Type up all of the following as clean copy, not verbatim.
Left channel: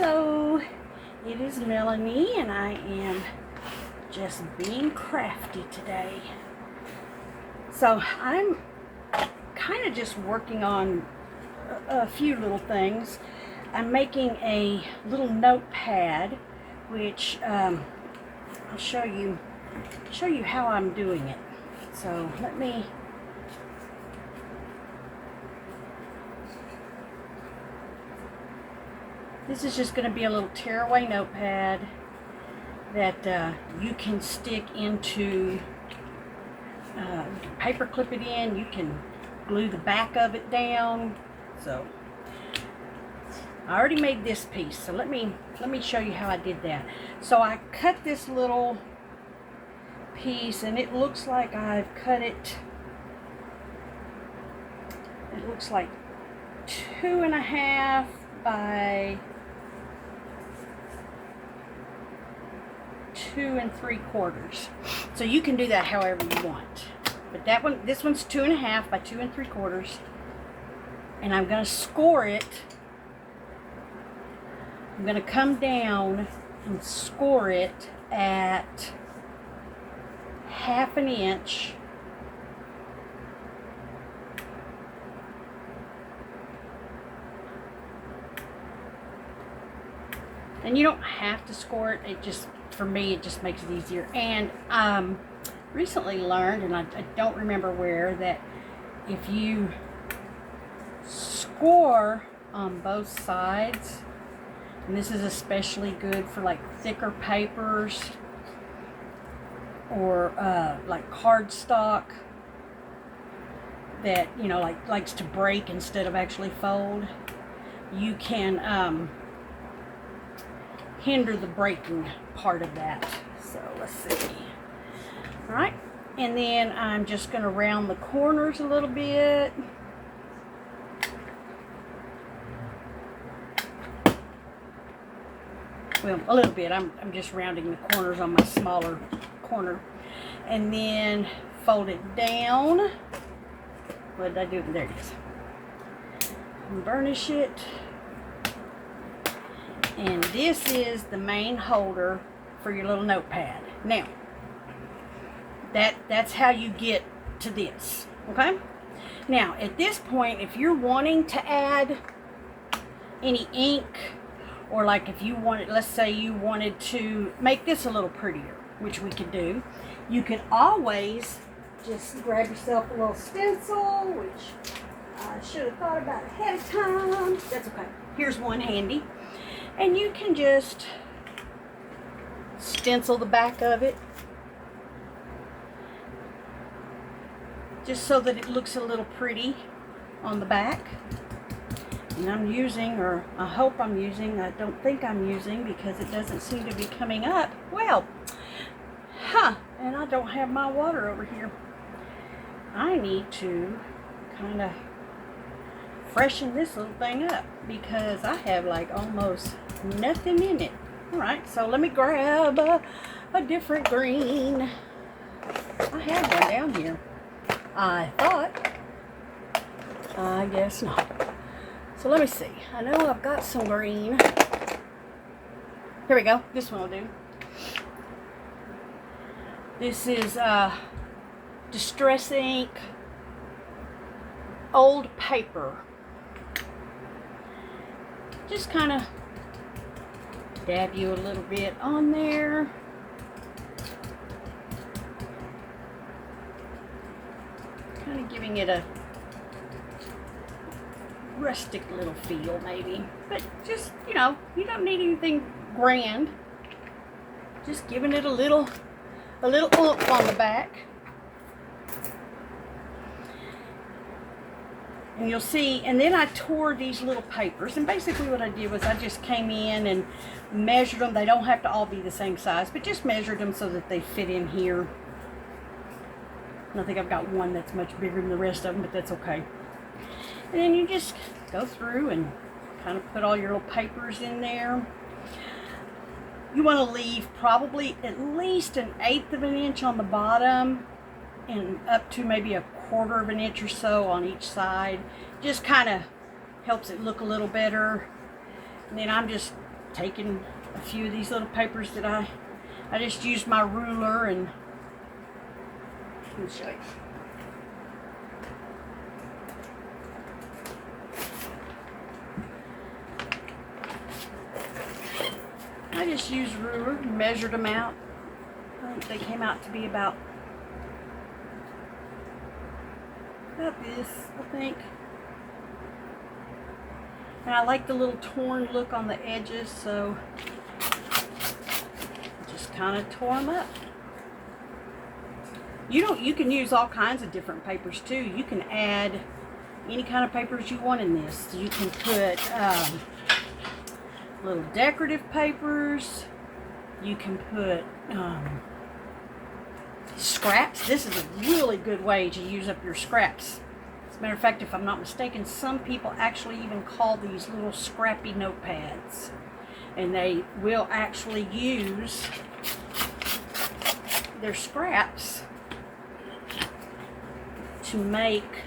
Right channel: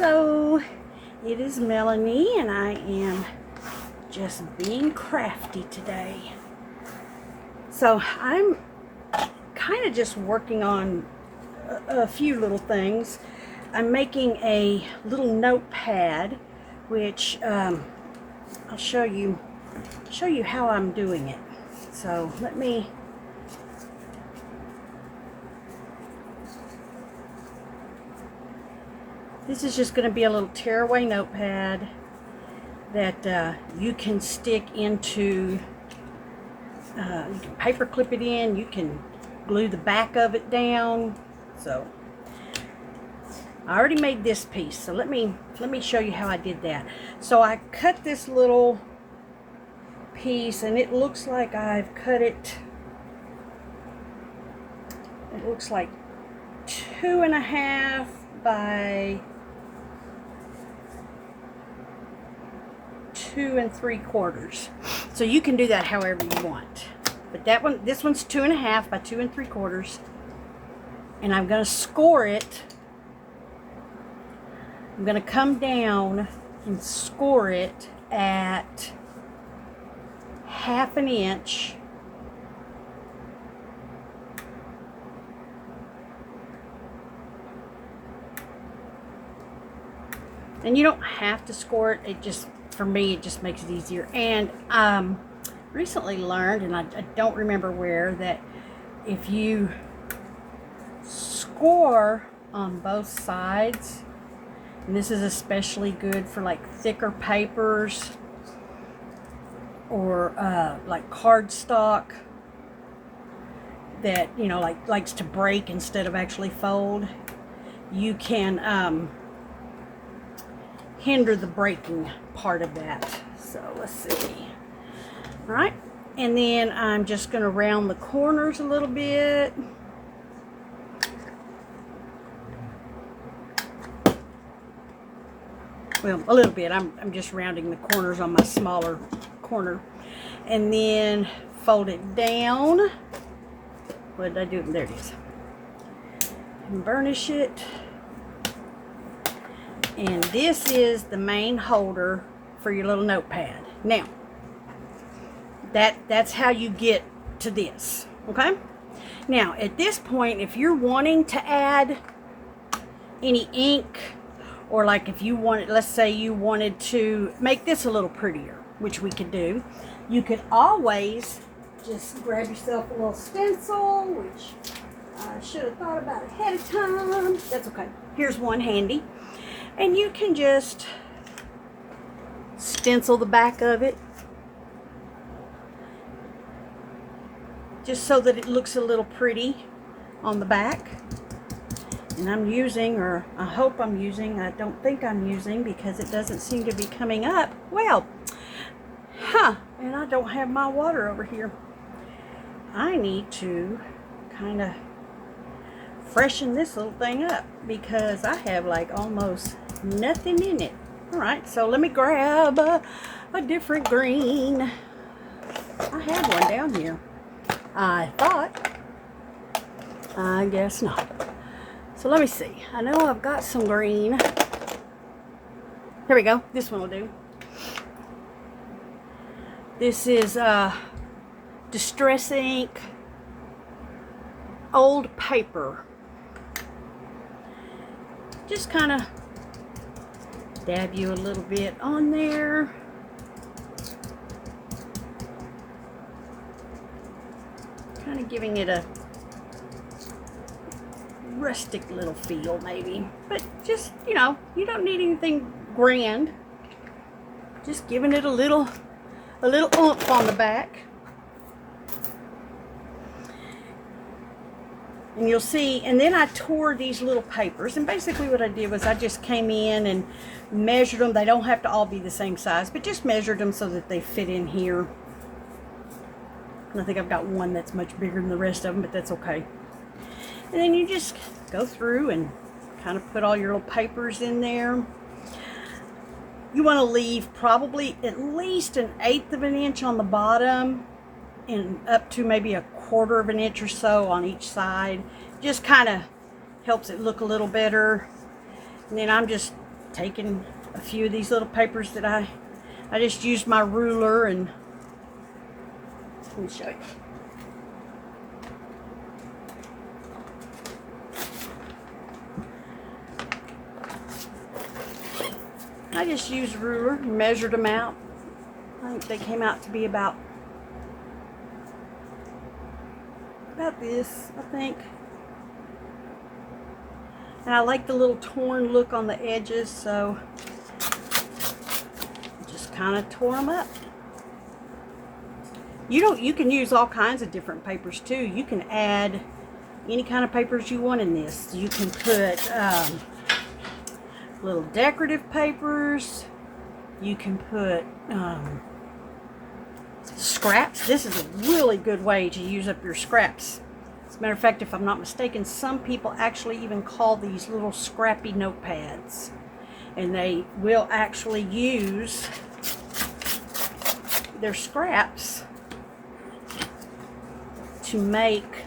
Hello, it is Melanie and I am just being crafty today. So I'm kind of just working on a few little things. I'm making a little notepad, which I'll show you how I'm doing it. So this is just going to be a little tearaway notepad that you can stick into, you can paper clip it in, you can glue the back of it down. So I already made this piece, so let me show you how I did that. So I cut this little piece and it looks like I've cut it, looks like 2.5 by 2 3/4. So you can do that however you want. But this one's 2.5 by 2 3/4. And I'm going to score it. I'm going to come down and score it at 1/2 inch. And you don't have to score it. It just, for me, it just makes it easier. And recently learned, and I don't remember where, that if you score on both sides, and this is especially good for like thicker papers or like cardstock that, you know, likes to break instead of actually fold, you can hinder the breaking part of that. So let's see. All right, and then I'm just going to round the corners a little bit. Well, a little bit. I'm just rounding the corners on my smaller corner, and then fold it down. What did I do? There it is. And burnish it. And this is the main holder for your little notepad. Now, that's how you get to this, okay? Now, at this point, if you're wanting to add any ink, or like if you wanted, let's say you wanted to make this a little prettier, which we could do, you could always just grab yourself a little stencil, which I should have thought about ahead of time. That's okay. Here's one handy. And you can just stencil the back of it, just so that it looks a little pretty on the back. And I'm using, or I hope I'm using, I don't think I'm using because it doesn't seem to be coming up. Well, and I don't have my water over here. I need to kind of freshen this little thing up because I have like almost nothing in it. All right, so let me grab a different green. I had one down here, I thought. I guess not. So let me see. I know I've got some green. Here we go. This one will do. This is Distress Ink Old Paper. Just kind of dab you a little bit on there. Kind of giving it a rustic little feel maybe. But just, you know, you don't need anything grand. Just giving it a little oomph on the back. And you'll see, and then I tore these little papers, and basically what I did was I just came in and measured them. They don't have to all be the same size, but just measured them so that they fit in here. And I think I've got one that's much bigger than the rest of them, but that's okay. And then you just go through and kind of put all your little papers in there. You want to leave probably at least 1/8 of an inch on the bottom and up to maybe 1/4 of an inch or so on each side. Just kind of helps it look a little better. And then I'm just taken a few of these little papers that I just used my ruler and let me show you. I just used a ruler and measured them out. I think they came out to be about this, I think. And I like the little torn look on the edges, so just kind of tore them up. You can use all kinds of different papers too. You can add any kind of papers you want in this. You can put little decorative papers. You can put scraps. This is a really good way to use up your scraps. As a matter of fact, if I'm not mistaken, some people actually even call these little scrappy notepads. And they will actually use their scraps to make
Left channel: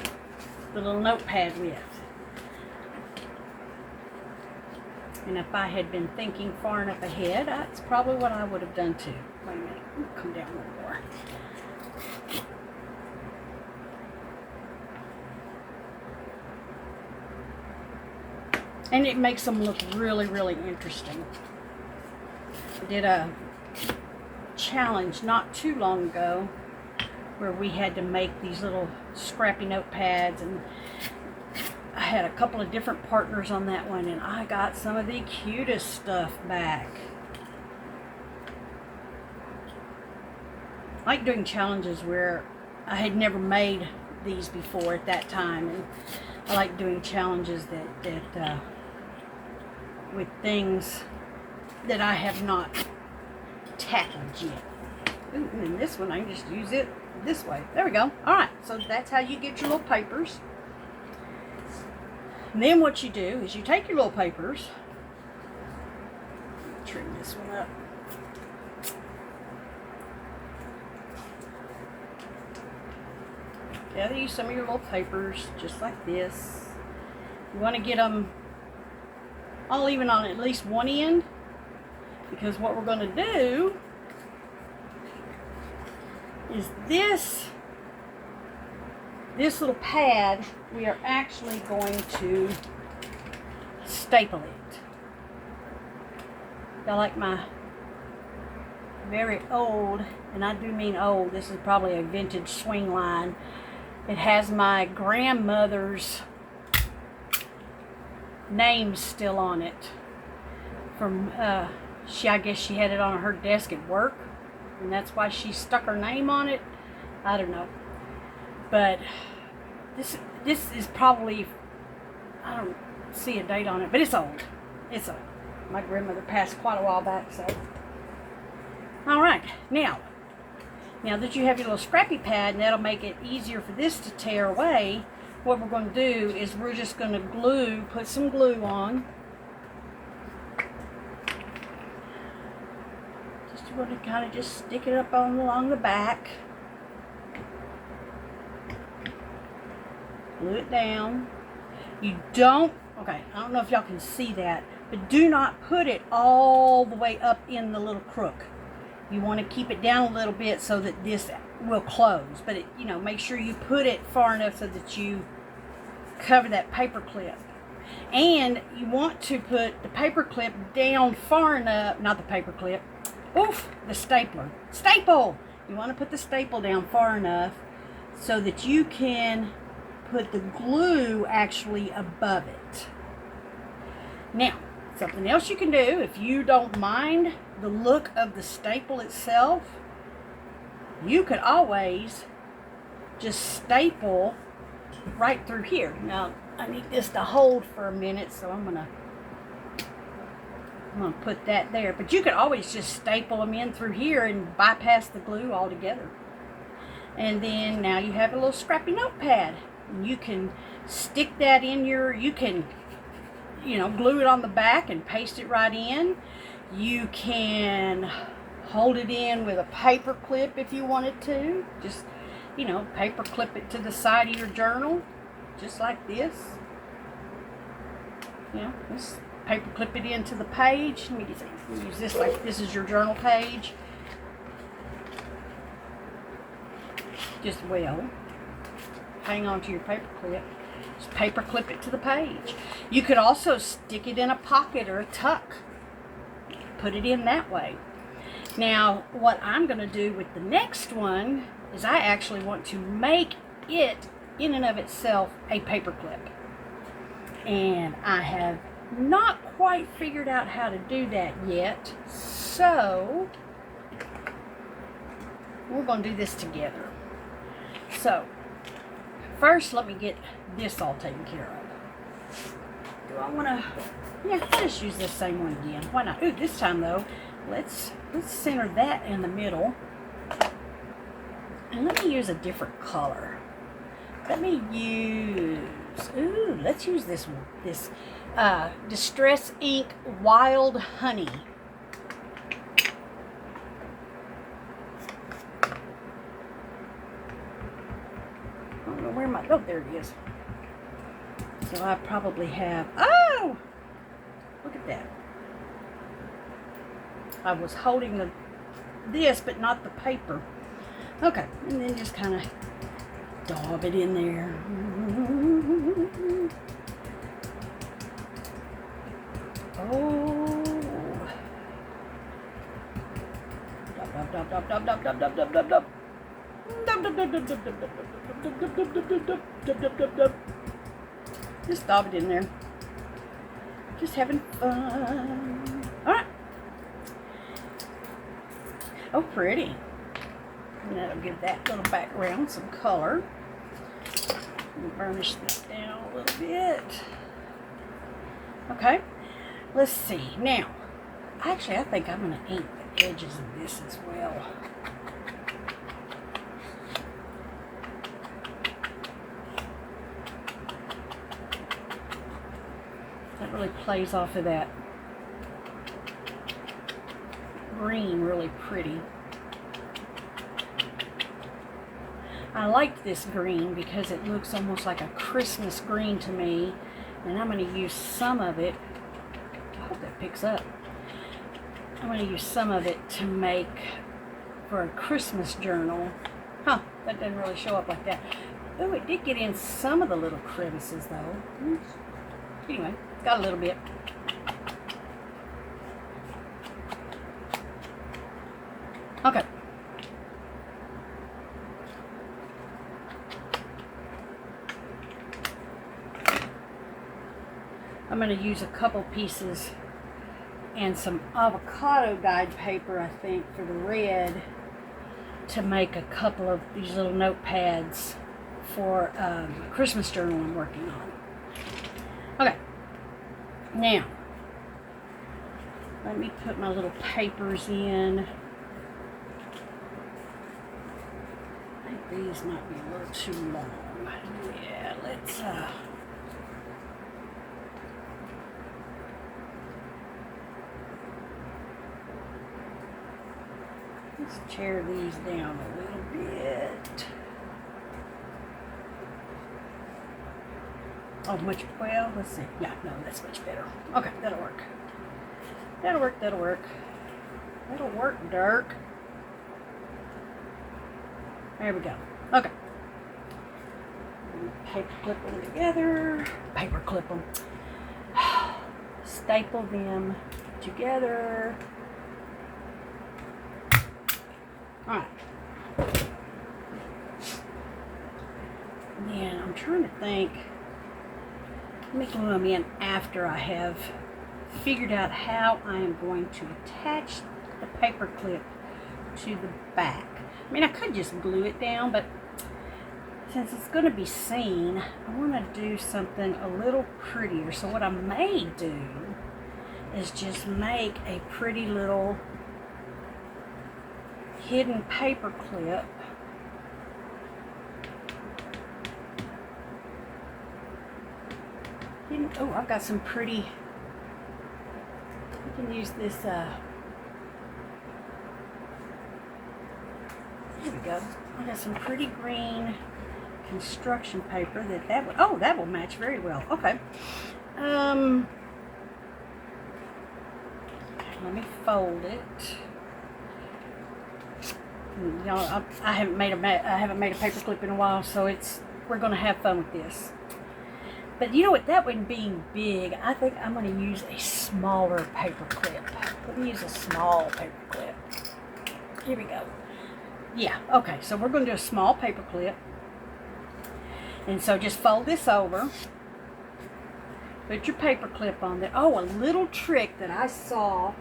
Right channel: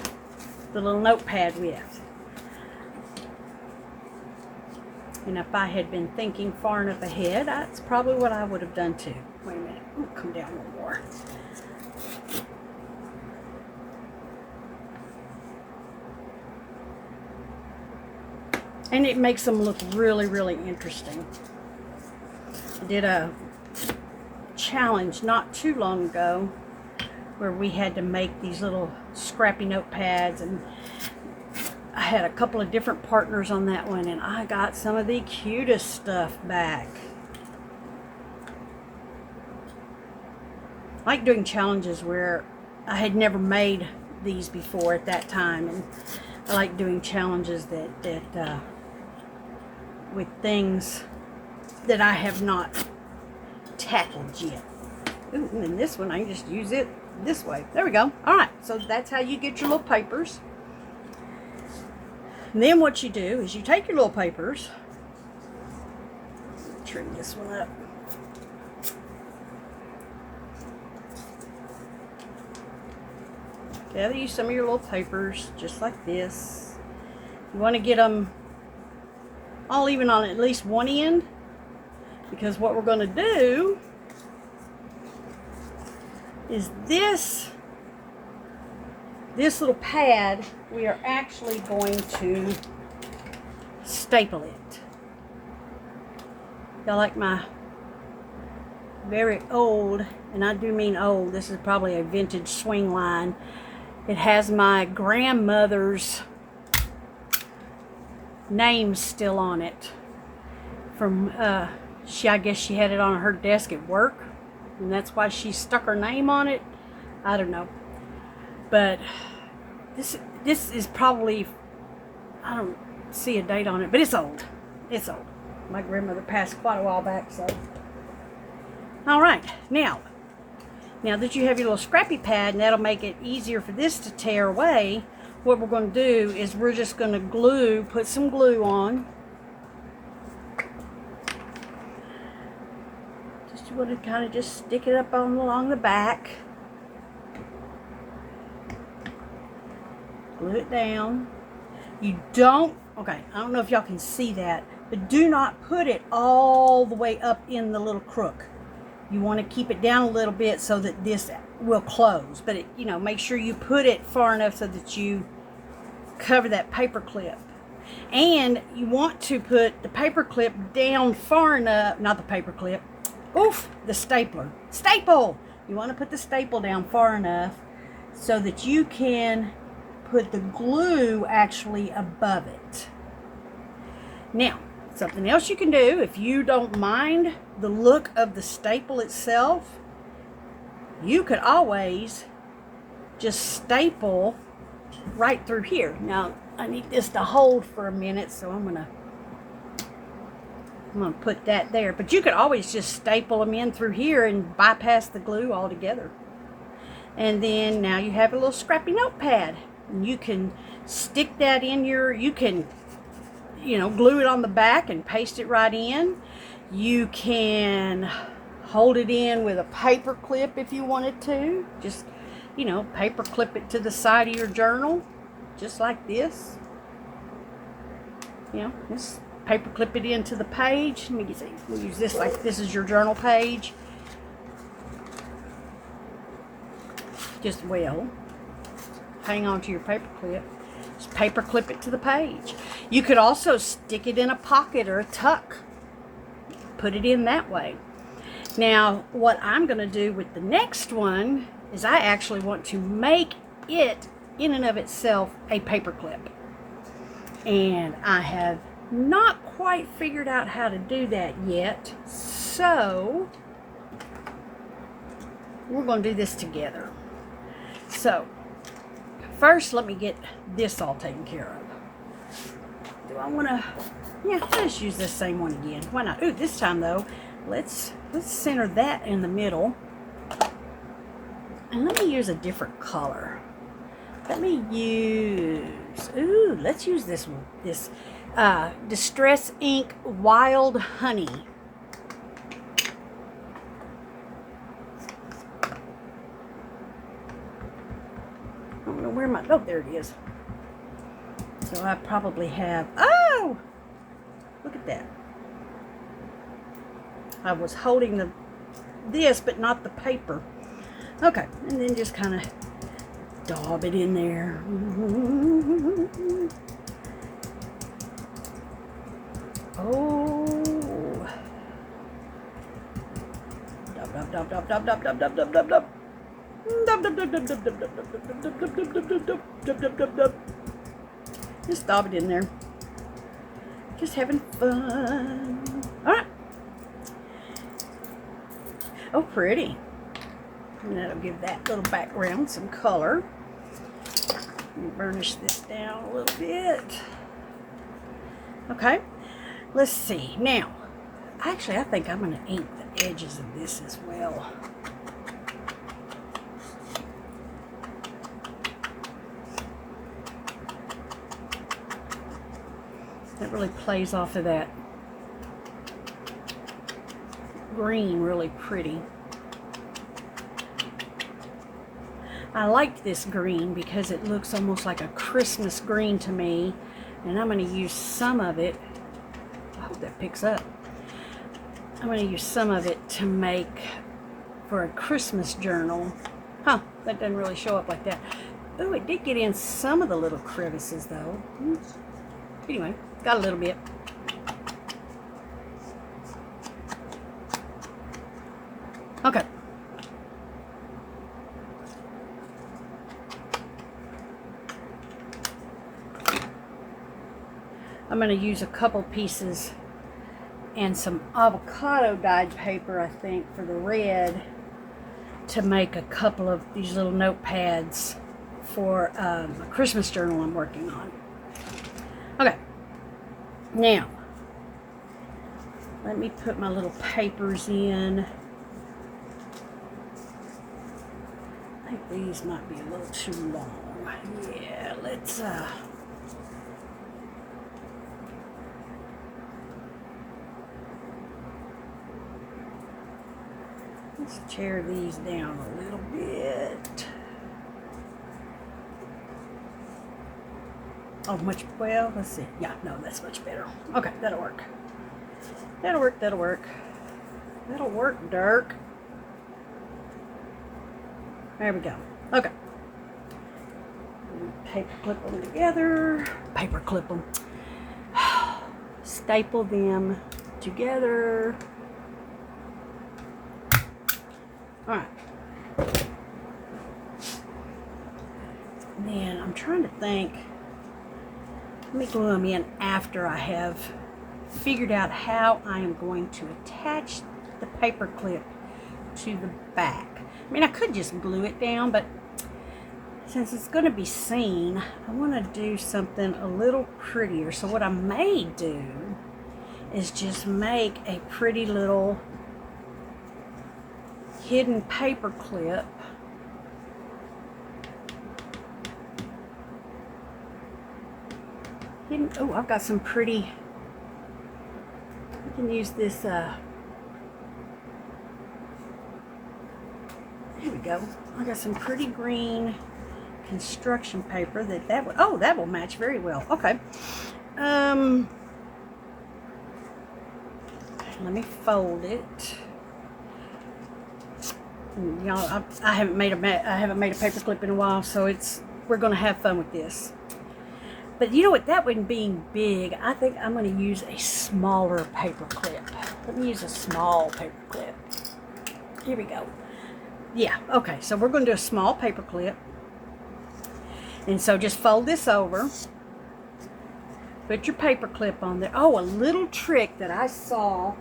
the little notepad with. And if I had been thinking far enough ahead, that's probably what I would have done too. Wait a minute, I'm gonna come down a little more. And it makes them look really, really interesting. I did a challenge not too long ago where we had to make these little scrappy notepads, and I had a couple of different partners on that one, and I got some of the cutest stuff back. I like doing challenges where I had never made these before at that time, and I like doing challenges that with things that I have not tackled yet. Ooh, and then this one, I can just use it this way. There we go. All right, so that's how you get your little papers. And then what you do is you take your little papers, trim this one up. Gather you some of your little papers, just like this. You want to get them all even on at least one end, because what we're going to do is this little pad, we are actually going to staple it. I like my very old, and I do mean old, this is probably a vintage swing line. It has my grandmother's name still on it. From, I guess she had it on her desk at work, and that's why she stuck her name on it. I don't know. But this is probably, I don't see a date on it, but it's old. It's old. My grandmother passed quite a while back, so. All right, now that you have your little scrappy pad, and that'll make it easier for this to tear away, what we're going to do is we're just going to put some glue on. Just want to kind of just stick it up along the back. Glue it down. You don't, okay, I don't know if y'all can see that, but do not put it all the way up in the little crook. You want to keep it down a little bit so that this will close, but make sure you put it far enough so that you cover that paper clip. And you want to put the paper clip down far enough, not the paper clip, the stapler. Staple! You want to put the staple down far enough so that you can put the glue actually above it. Now, something else you can do, if you don't mind the look of the staple itself, you could always just staple right through here. Now, I need this to hold for a minute, so I'm gonna put that there. But you could always just staple them in through here and bypass the glue altogether. And then now you have a little scrappy notepad. You can stick that in you can, glue it on the back and paste it right in. You can hold it in with a paper clip if you wanted to. Just, paper clip it to the side of your journal, just like this. Just paper clip it into the page. Let me see. We'll use this like this is your journal page. Just hang on to your paper clip. Just paper clip it to the page. You could also stick it in a pocket or a tuck. Put it in that way. Now, what I'm going to do with the next one is I actually want to make it in and of itself a paper clip. And I have not quite figured out how to do that yet. So, we're going to do this together. So, first let me get this all taken care of. Do I want to, yeah, let's use this same one again. Why not? Ooh, this time though, let's center that in the middle. And let me use a different color. Let's use this one. This Distress Ink Wild Honey. I don't know where my, oh, there it is. So I probably have, oh, look at that. I was holding this, but not the paper. Okay, and then just kind of daub it in there. Oh. Dub, dub, dub, dub, dub, dub, dub, dub, dub, dub. Just dab it in there. Just having fun. Alright. Oh, pretty. And that'll give that little background some color. Let me burnish this down a little bit. Okay. Let's see. Now, actually, I think I'm going to ink the edges of this as well. That really plays off of that green really pretty. I like this green because it looks almost like a Christmas green to me, and I'm going to use some of it. I hope that picks up. I'm going to use some of it to make for a Christmas journal. Huh, that doesn't really show up like that. Oh, it did get in some of the little crevices though. Anyway, got a little bit. Okay. I'm going to use a couple pieces and some avocado dyed paper, I think, for the red to make a couple of these little notepads for a Christmas journal I'm working on. Okay. Now, let me put my little papers in. I think these might be a little too long. Yeah, let's tear these down a little bit. Oh, much, well, let's see. Yeah, no, that's much better. Okay, that'll work. That'll work, that'll work. That'll work, Dirk. There we go. Okay. Paper clip them together. Paper clip them. Staple them together. Alright. Then I'm trying to think. Let me glue them in after I have figured out how I am going to attach the paper clip to the back. I mean, I could just glue it down, but since it's going to be seen, I want to do something a little prettier. So what I may do is just make a pretty little hidden paper clip. Oh, I've got some pretty, I can use this, there we go. I got some pretty green construction paper that will, oh, that will match very well. Okay. let me fold it. Y'all, I haven't made a paper clip in a while, so we're gonna have fun with this. But you know what? That one being big, I think I'm gonna use a smaller paper clip. Let me use a small paper clip. Here we go. Yeah. Okay. So we're gonna do a small paper clip, and so just fold this over. Put your paper clip on there. Oh, a little trick that I saw.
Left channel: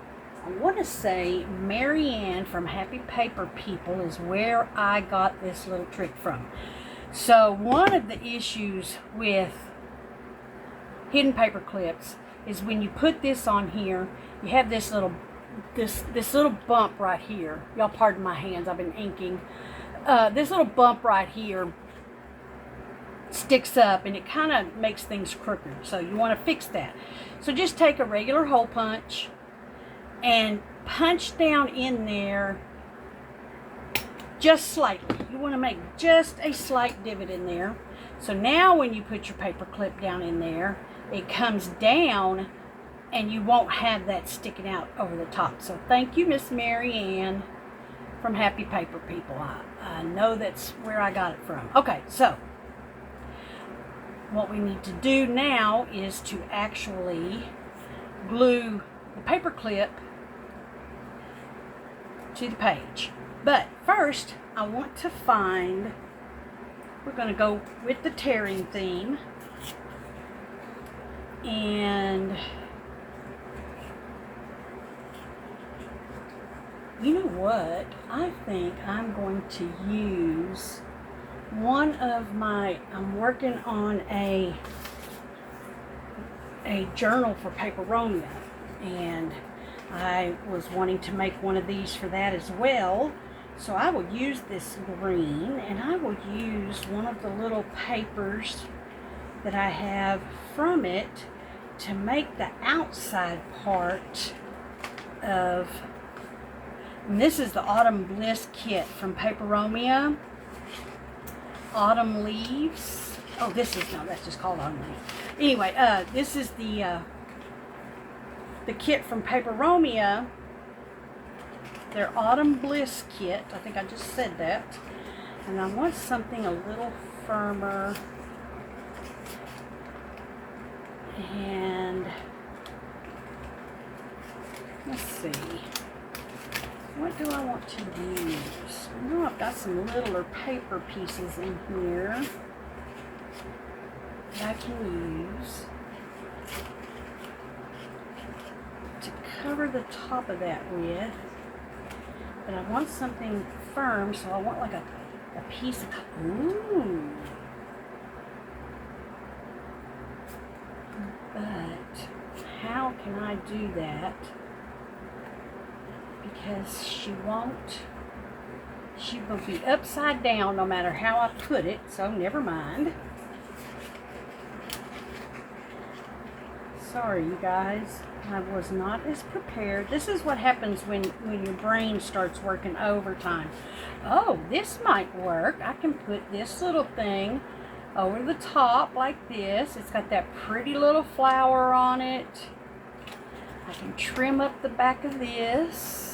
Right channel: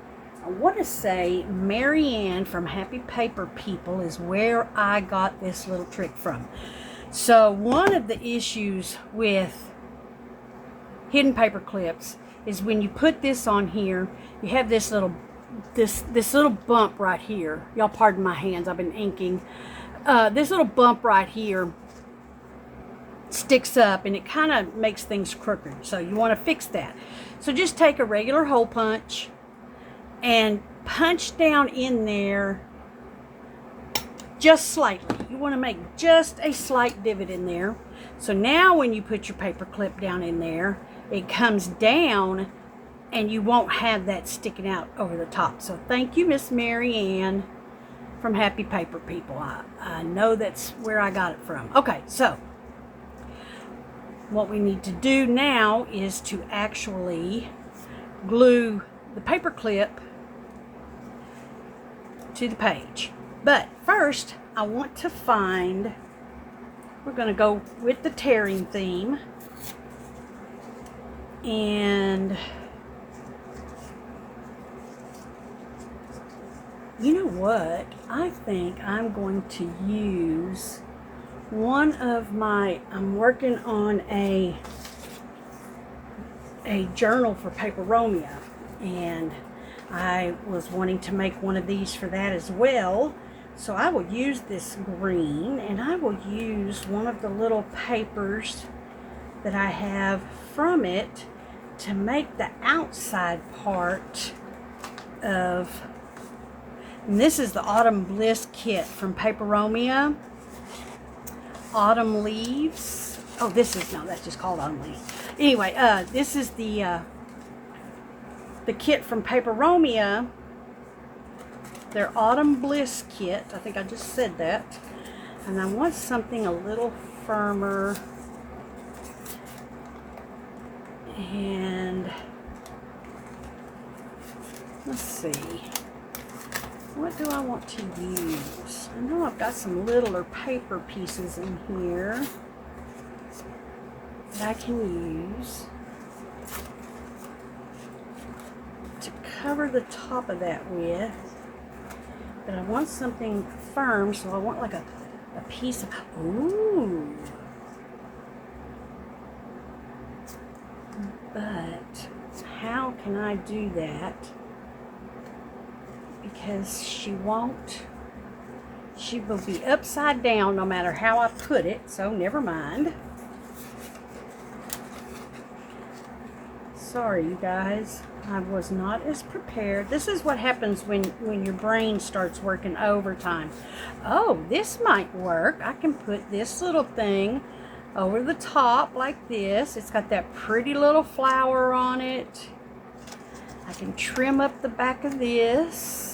I want to say Marianne from Happy Paper People is where I got this little trick from. So one of the issues with hidden paper clips is when you put this on here, you have this little bump right here. Y'all pardon my hands, I've been inking. This little bump right here sticks up and it kind of makes things crooked, so you want to fix that. So just take a regular hole punch and punch down in there just slightly. You want to make just a slight divot in there. So now when you put your paper clip down in there, it comes down and you won't have that sticking out over the top. So thank you, Miss Mary Ann from Happy Paper People. I know that's where I got it from. Okay, so what we need to do now is to actually glue the paper clip to the page. But first, I want to find, we're going to go with the tearing theme. And you know what? I think I'm going to use one of my, I'm working on a journal for Paper Romeo, and I was wanting to make one of these for that as well. So I will use this green, and I will use one of the little papers that I have from it to make the outside part of, and this is the Autumn Bliss kit from Paper Romeo. Autumn Leaves. Oh, this is, no, that's just called Autumn Leaves. Anyway, this is the kit from Paper Romeo. Their Autumn Bliss kit. I think I just said that. And I want something a little firmer. And let's see. What do I want to use? I know I've got some littler paper pieces in here that I can use to cover the top of that with. But I want something firm, so I want like a piece of, ooh. But how can I do that? Because she will be upside down no matter how I put it, so never mind. Sorry, you guys, I was not as prepared. This is what happens when your brain starts working overtime. Oh, this might work. I can put this little thing over the top like this. It's got that pretty little flower on it. I can trim up the back of this.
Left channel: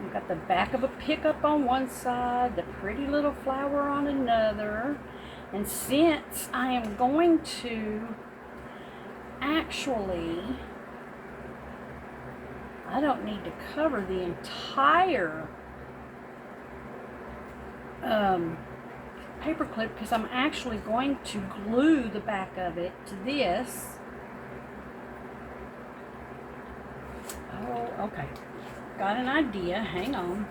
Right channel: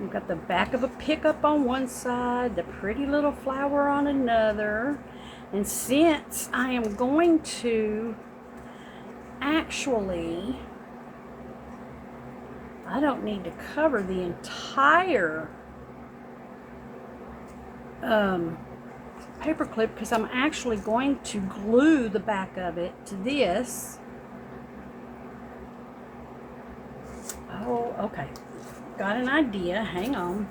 We've got the back of a pickup on one side, the pretty little flower on another. And since I am going to actually, I don't need to cover the entire paper clip because I'm actually going to glue the back of it to this. Oh, okay. Got an idea. Hang on.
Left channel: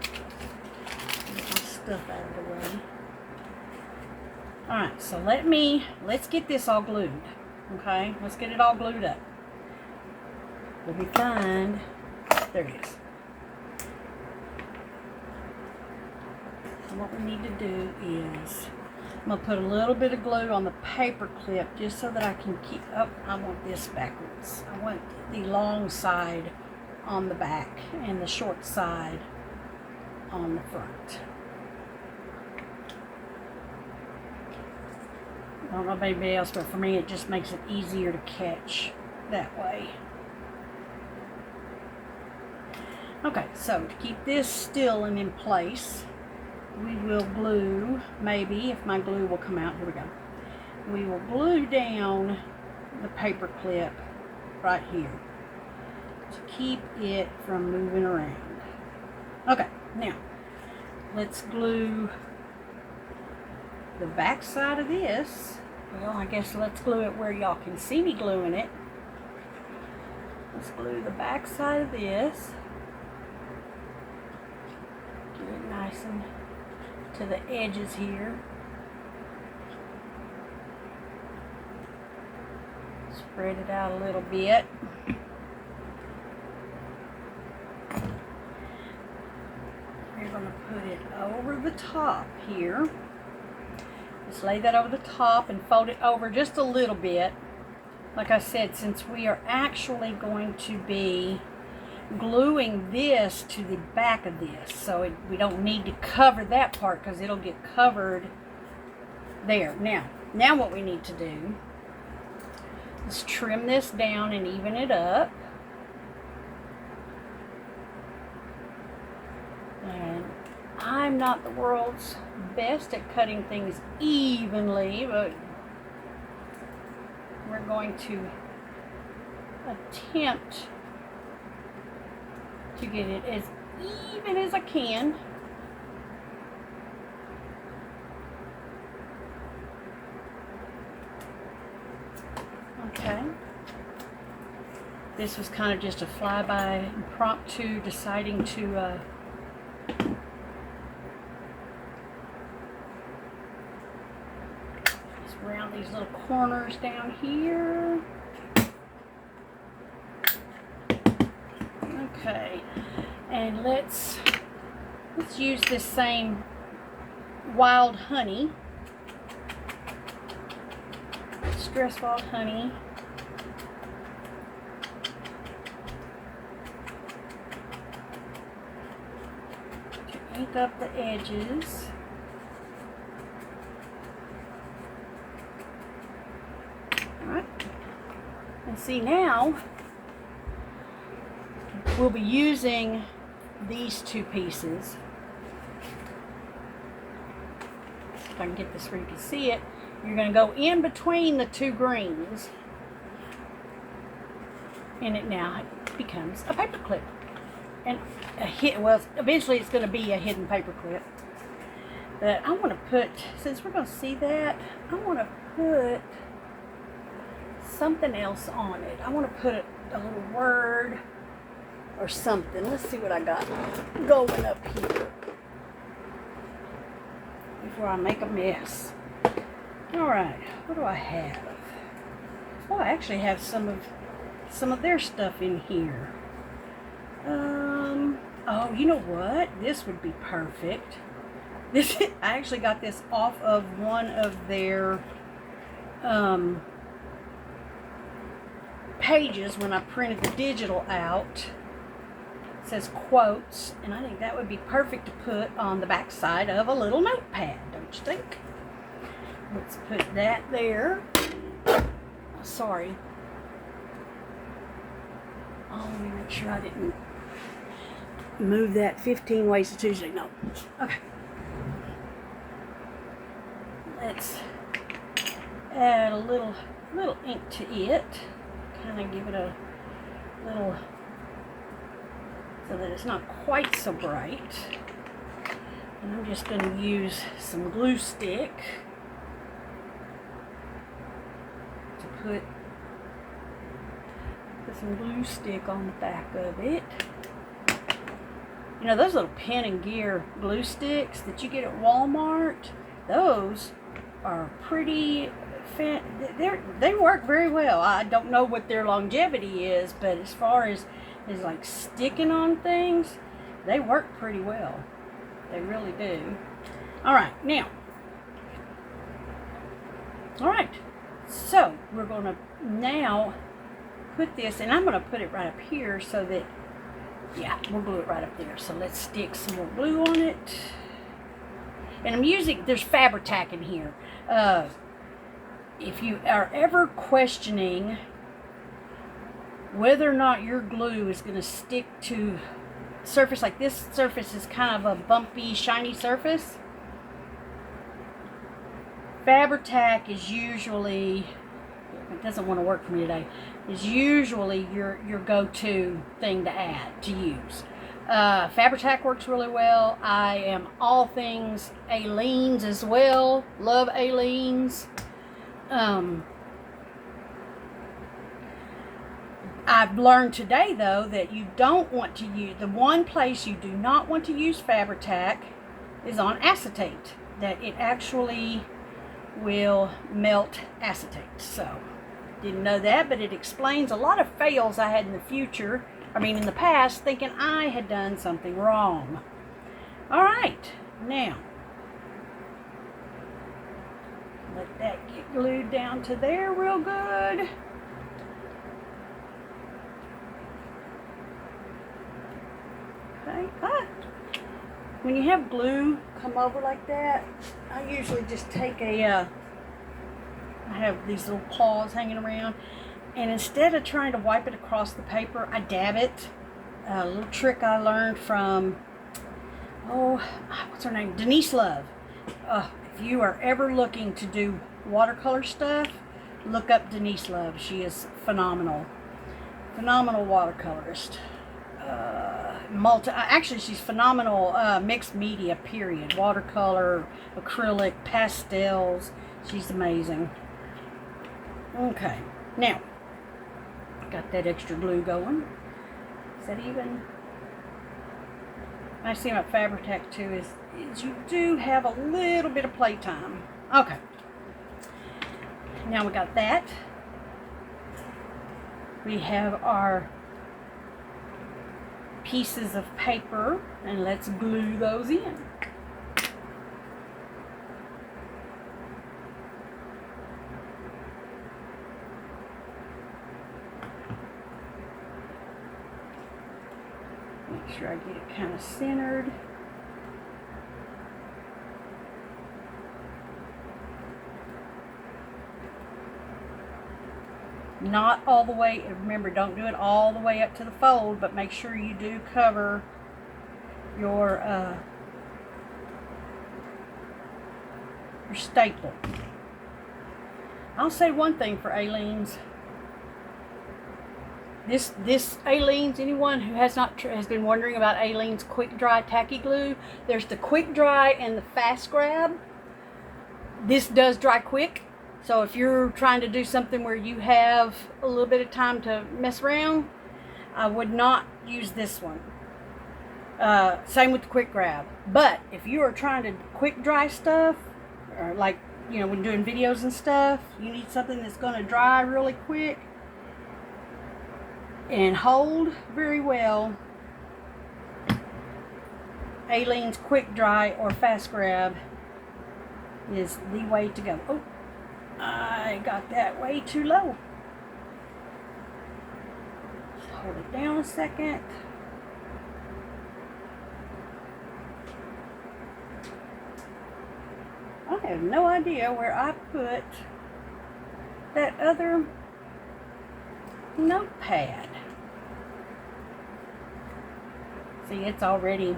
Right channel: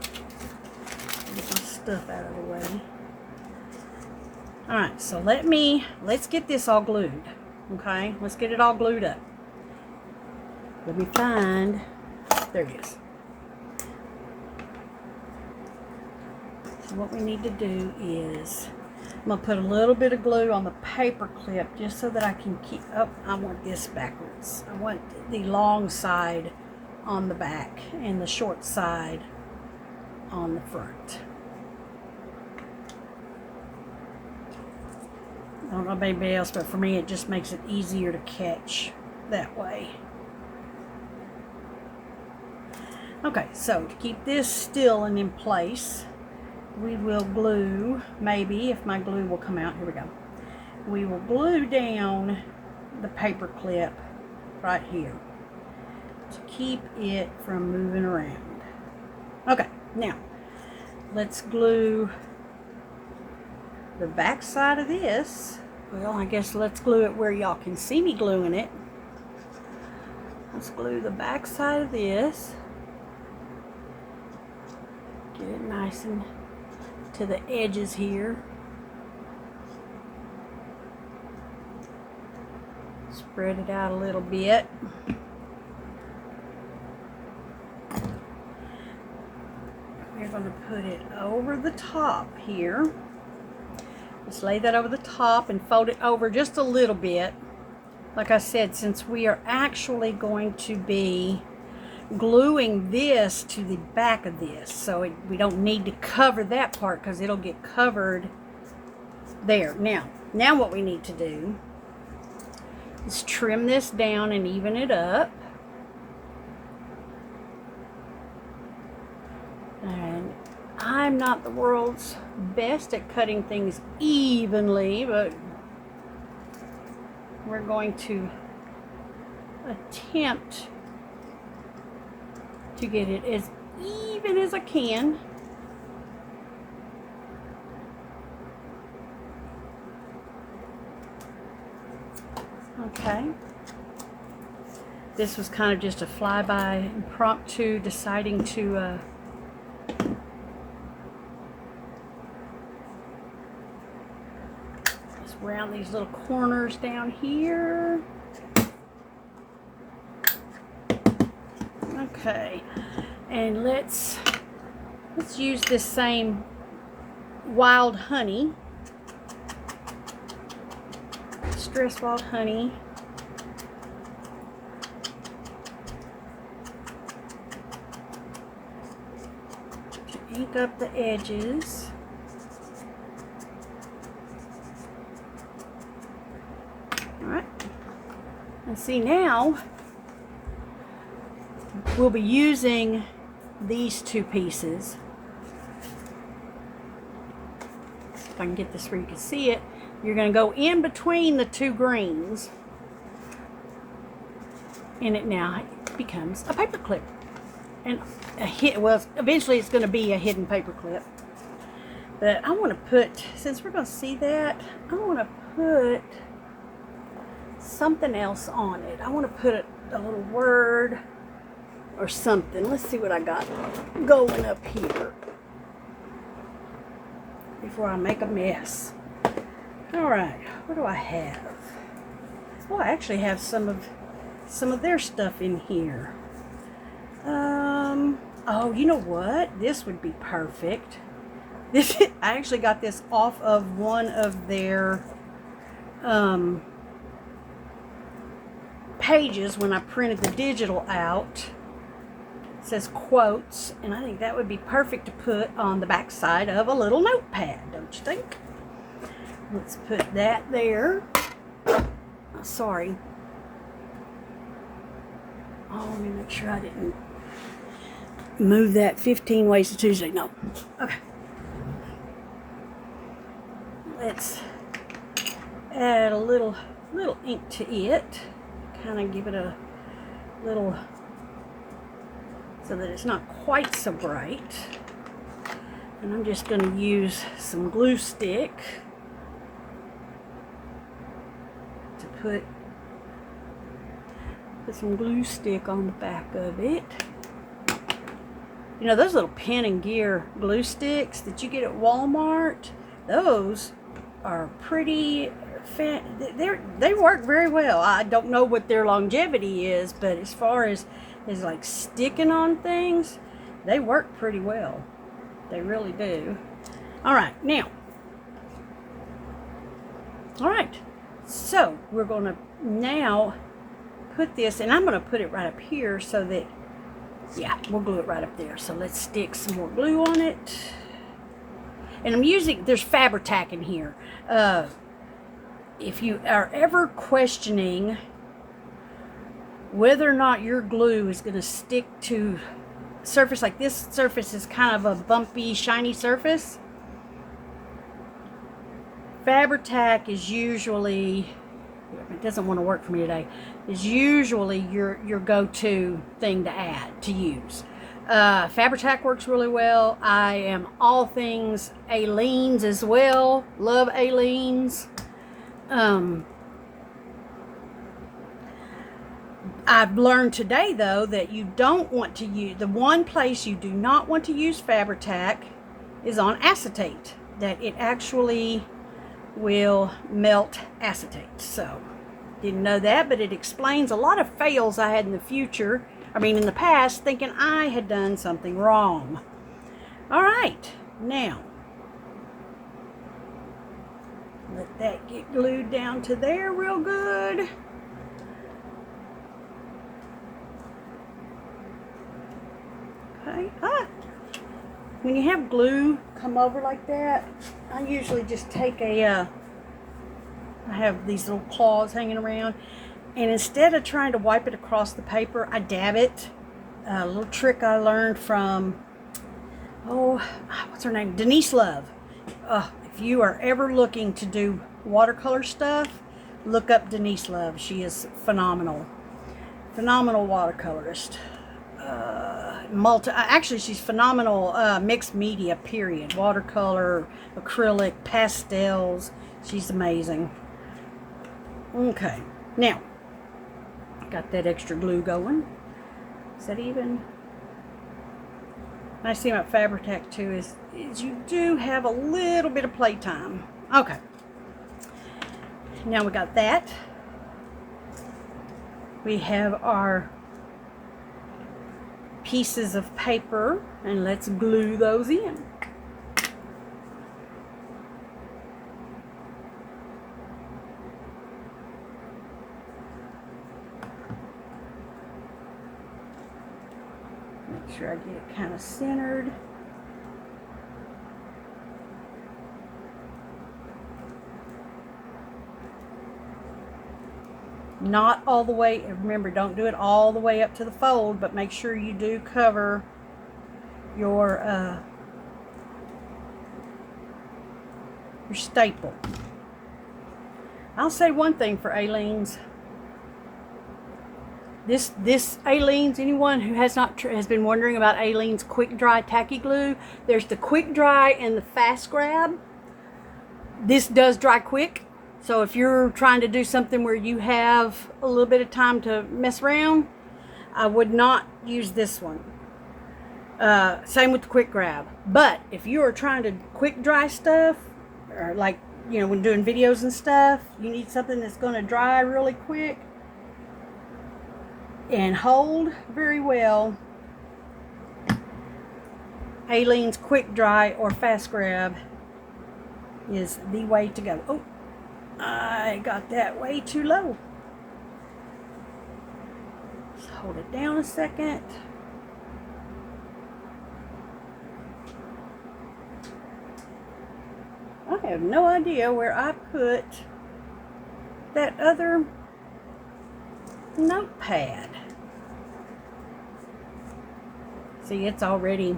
Get my stuff out of the way. Alright, so let's get this all glued. Okay? Let's get it all glued up. Let me find, there it is. So what we need to do is, I'm going to put a little bit of glue on the paper clip just so that I can keep, oh, I want this backwards. I want the long side on the back and the short side on the front. I don't know about anybody else, but for me it just makes it easier to catch that way. Okay, so to keep this still and in place, we will glue, maybe, if my glue will come out, here we go. We will glue down the paper clip right here to keep it from moving around. Okay, now let's glue the back side of this. Well, I guess let's glue it where y'all can see me gluing it. Let's glue the back side of this. Get it nice and to the edges here. Spread it out a little bit. We're going to put it over the top here. Just lay that over the top and fold it over just a little bit. Like I said, since we are actually going to be gluing this to the back of this, so we don't need to cover that part because it'll get covered there. Now what we need to do is trim this down and even it up. And I'm not the world's best at cutting things evenly, but we're going to attempt to get it as even as I can. Okay. This was kind of just a flyby impromptu deciding to just round these little corners down here. Okay, and let's use this same wild honey, Stress Wild Honey. To ink up the edges. Alright, and see now, we'll be using these two pieces. If I can get this where you can see it, you're going to go in between the two greens, and it now becomes a paper clip. And well, eventually it's going to be a hidden paper clip. But I want to put, since we're going to see that, I want to put something else on it. I want to put a little word or something. Let's see what I got going up here before I make a mess. Alright, what do I have? Well, I actually have some of their stuff in here. Oh, you know what? This would be perfect. I actually got this off of one of their pages when I printed the digital out. It says quotes, and I think that would be perfect to put on the back side of a little notepad, don't you think? Let's put that there. Sorry. Oh, let me make sure I didn't move that 15 ways to Tuesday. No. Okay. Let's add a little ink to it. Kind of give it a little, so that it's not quite so bright. And I'm just going to use some glue stick to put some glue stick on the back of it. You know, those little Pen and Gear glue sticks that you get at Walmart, those are pretty they work very well. I don't know what their longevity is, but as far as like sticking on things, they work pretty well. They really do. Alright, now. Alright, so we're going to now put this, and I'm going to put it right up here so that Yeah, we'll glue it right up there. So let's stick some more glue on it. And I'm using, there's Fabri-Tac in here. If you are ever questioning whether or not your glue is going to stick to surface, like this surface is kind of a bumpy, shiny surface, Fabri-Tac is usually, it doesn't want to work for me today, is usually your go-to thing to use. Fabri-Tac works really well. I am all things Aleene's as well. Love Aleene's. I've learned today, though, that you don't want to use, the one place you do not want to use Fabri-Tac is on acetate, that it actually will melt acetate. So, didn't know that, but it explains a lot of fails I had in the past, thinking I had done something wrong. All right, now, let that get glued down to there real good. Okay, when you have glue come over like that, I usually just take I have these little claws hanging around, and instead of trying to wipe it across the paper, I dab it. A little trick I learned from, what's her name? Denise Love. If you are ever looking to do watercolor stuff, look up Denise Love. She is phenomenal. Phenomenal watercolorist. Actually, she's phenomenal mixed media, period. Watercolor, acrylic, pastels. She's amazing. Okay, now, got that extra glue going. Is that even? Nice thing about Fabri-Tac too is you do have a little bit of playtime. Okay, now we got that. We have our pieces of paper, and let's glue those in. Make sure I get it kind of centered. Not all the way, remember, don't do it all the way up to the fold, but make sure you do cover your staple. I'll say one thing for Aleene's. This Aleene's, anyone who has been wondering about Aleene's quick dry tacky glue, there's the quick dry and the fast grab. This does dry quick. So if you're trying to do something where you have a little bit of time to mess around, I would not use this one. Same with the quick grab. But if you are trying to quick dry stuff, or like, when doing videos and stuff, you need something that's going to dry really quick and hold very well, Aleene's quick dry or fast grab is the way to go. Oh, I got that way too low. Let's hold it down a second. I have no idea where I put that other notepad. See, it's already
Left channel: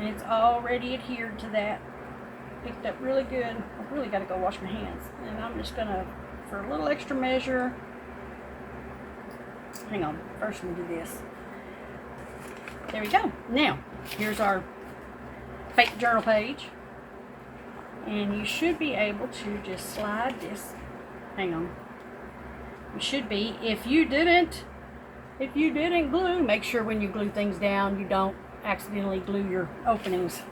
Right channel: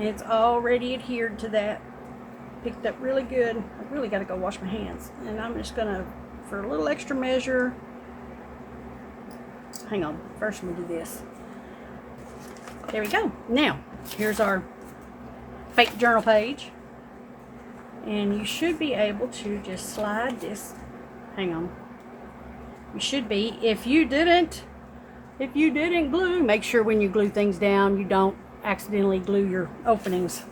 adhered to that. Picked up really good. I really got to go wash my hands. And I'm just going to, for a little extra measure, hang on, first I'm going to do this. There we go. Now, here's our fake journal page. And you should be able to just slide this. Hang on. You should be. If you didn't glue, make sure when you glue things down, you don't accidentally glue your openings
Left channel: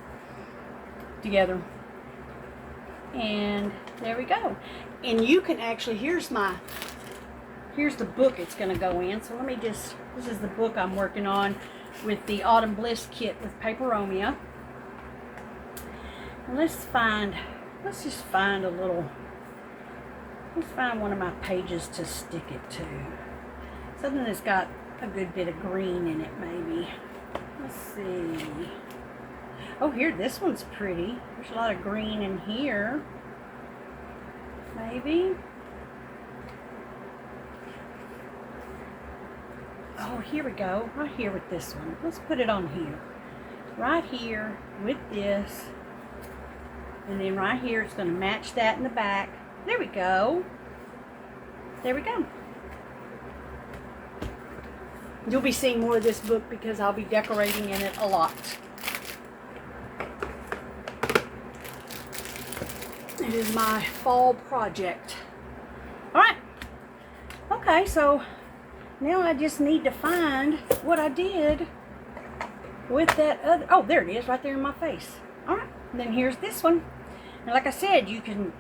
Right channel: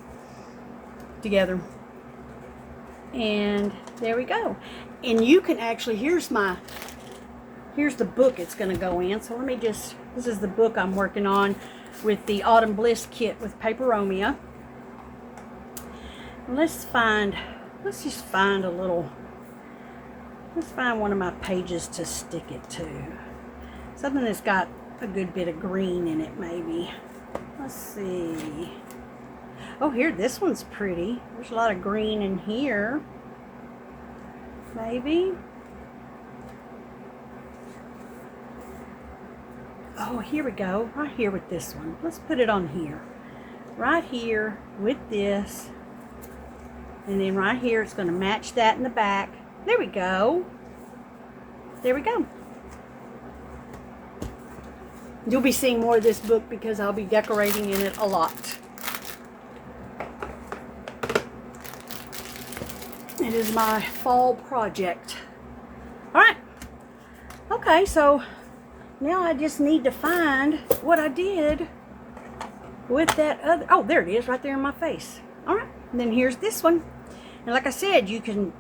together. And there we go. And you can actually, here's the book it's going to go in. So this is the book I'm working on with the Autumn Bliss kit with Paperomia. And let's find one of my pages to stick it to. Something that's got a good bit of green in it, maybe. Let's see. Oh, here, this one's pretty. There's a lot of green in here. Maybe. Oh, here we go. Right here with this one. Let's put it on here. Right here with this. And then right here, it's going to match that in the back. There we go. There we go. You'll be seeing more of this book because I'll be decorating in it a lot. It is my fall project. Alright. Okay, so now I just need to find what I did with that other. Oh, there it is, right there in my face. Alright, and then here's this one. And like I said, you can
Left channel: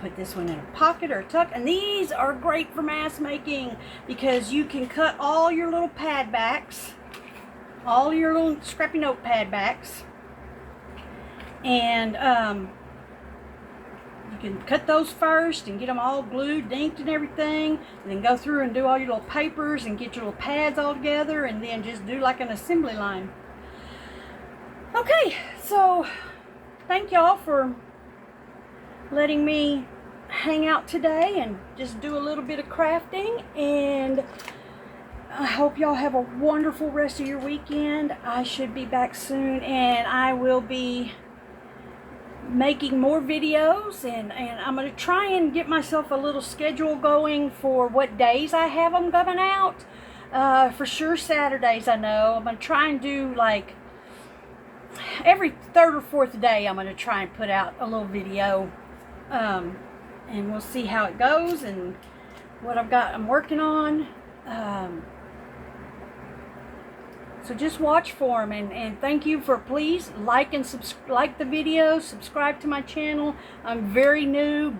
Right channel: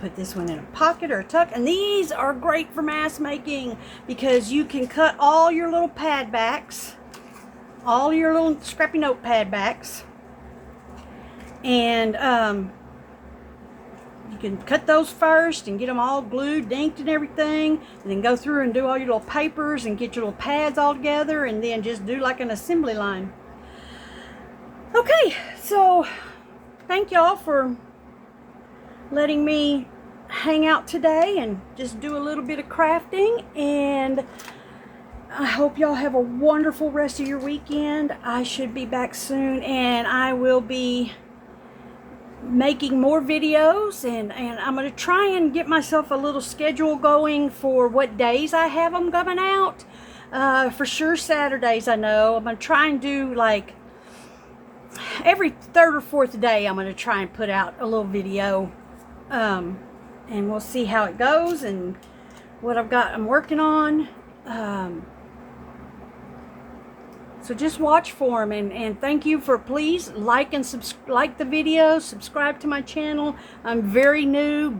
put this one in a pocket or a tuck. And these are great for mask making because you can cut all your little pad backs, all your little scrappy note pad backs. And you can cut those first and get them all glued, inked and everything. And then go through and do all your little papers and get your little pads all together. And then just do like an assembly line. Okay, so thank y'all for letting me hang out today and just do a little bit of crafting, and I hope y'all have a wonderful rest of your weekend. I should be back soon, and I will be making more videos, and I'm going to try and get myself a little schedule going for what days I have them coming out. For sure Saturdays, I know. I'm going to try and do like every third or fourth day. I'm going to try and put out a little video. And we'll see how it goes and what I'm working on. So just watch for them, and thank you for please like the video, subscribe to my channel. I'm very new,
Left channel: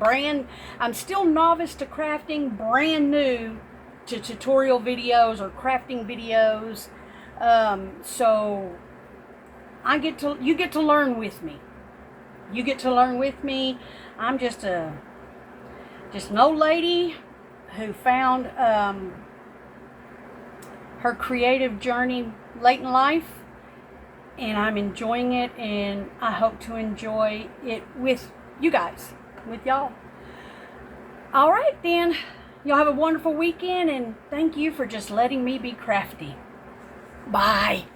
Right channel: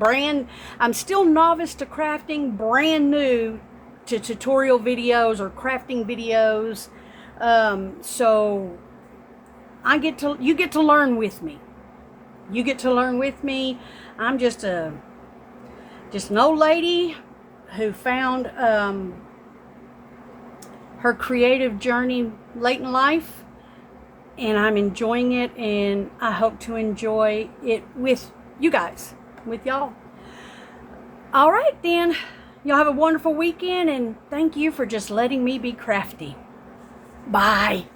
I'm still novice to crafting, brand new to tutorial videos or crafting videos. So you get to learn with me. You get to learn with me. I'm just an old lady who found her creative journey late in life, and I'm enjoying it, and I hope to enjoy it with you guys, with y'all. All right, then. Y'all have a wonderful weekend, and thank you for just letting me be crafty. Bye.